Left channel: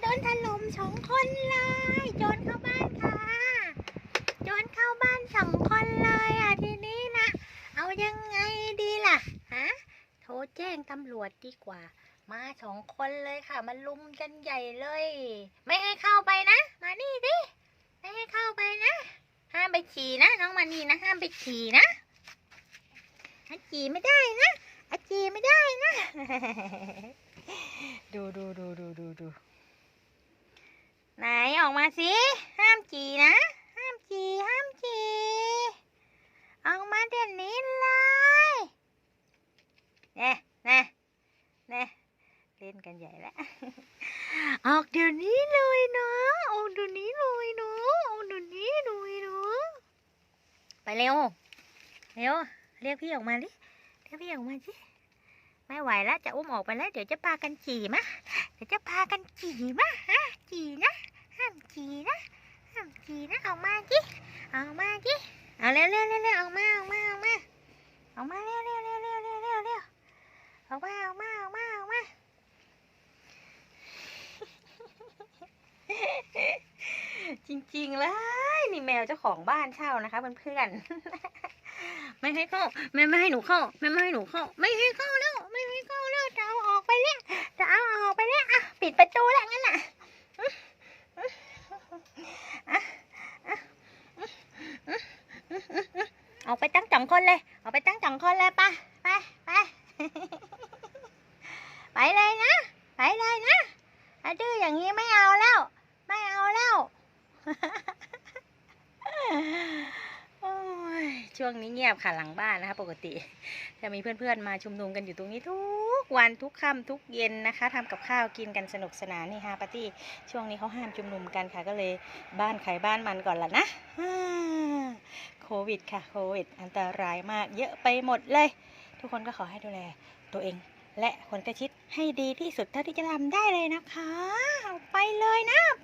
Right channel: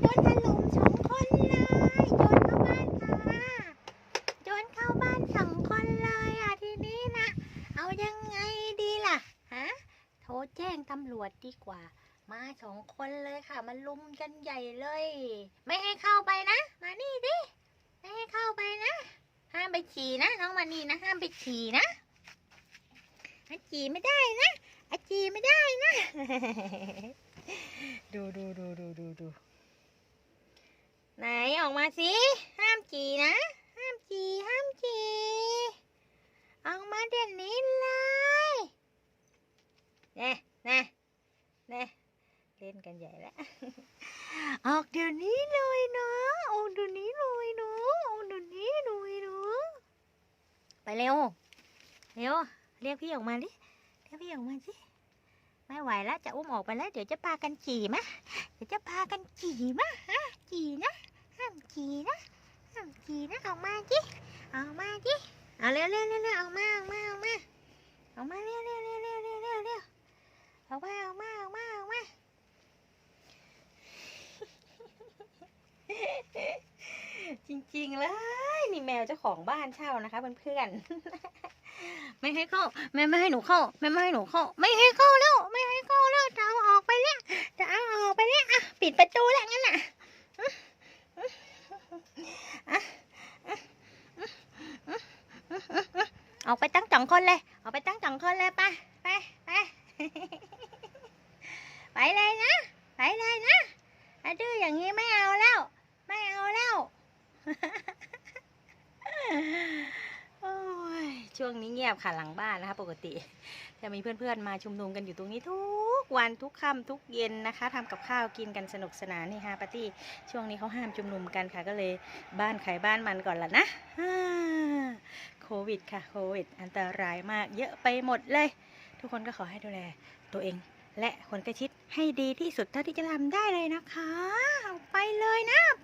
โดนถล่มสองคนเลยโจรเข้าบ้านค่ะโจรเข้าบ้านสองคนเลยอะทีนี้นะเอายังไงดีล่ะฮะโทรแจ้งตำรวจดีกว่า มาสองคนเลยค่ะมาลุมกันใหญ่เลย ไม่ให้เข้าไปนะ มานี่ดิไม่ให้เข้าไปนะ ห้ามไปฉี่นะน้องมานี่นะห้ามไปฉี่นะอาฉี่ไม่ได้นะอาฉี่ไม่ได้นะ ดูดูดูดูดูดู ออกมาสิ ห้ามฉี่นะ ห้ามฉี่ห้ามฉี่ออกมาเดี๋ยวนี้เลยเน่เน่เน่เล่นกันใหญ่แล้ว ออกเดี๋ยวนี้เลยนะออกเดี๋ยวนี้เลยเนาะออกเดี๋ยวนี้เลยเนาะไปเร็ว เร็ว เรียกพี่ออกมาดิ เรียกพี่ออกมาสิไม่ไหวแล้วจะอุ้มออกไปแล้ว เดี๋ยวจะพากันขี่มะ เดี๋ยวจะพากันขี่มะฮะ ห้ามขี่นะ ห้ามขี่นะ ออกมาจิออกมาจิเอาเร็วเร็วเร็วเร็วออกมาออกมาออกมาออกมาเร็วเร็วเร็วเร็วเร็วเร็วเร็วออกมาออกมาออกมาออกมาจริงๆเลยนี่แมวเจ้าของบ้านเช่านะคะเพื่อนๆไม่ให้เข้าแม่ไม่ให้หนูเข้าแม่ไม่ให้หนูเข้า ไม่ให้เข้าแล้วไม่ให้เข้าแล้วจะเอาออกไปแล้วจะเอาออกไปแล้วอะปิดประตูแล้วงั้นน่ะอะ ออกไปตั้งสองคนเลย ออกไปตั้งสองคนเลยไปไปไปไปเลยนะ ไปเลยนะถ้าดื้ออย่างนี้ไม่เอาแล้ว ไม่เอาแล้วช่วงนี้เงียบค่ะหลังบ้านนะคะปกติจะมีเพื่อนๆมาชุมนุมกันอยู่ตรงนี้ทุกวันทุกค่ำทุกเย็นนะคะทำกับข้าวกินกันสนุกสนานนี่ฮะปาร์ตี้ช่วงนี้เขาห้ามชุมนุมกันค่ะก็เลยบ้านใครบ้านมันก่อนละนะ โควิดค่ะโควิด อันตรายมากเยอะไปหมดเลย ทุกคนก็ขอให้ดูแลตัวเอง และคนใกล้ชิดให้ดีที่สุดเท่าที่จะทำได้เลยนะคะเอาไปเลยนะไปเลยนะ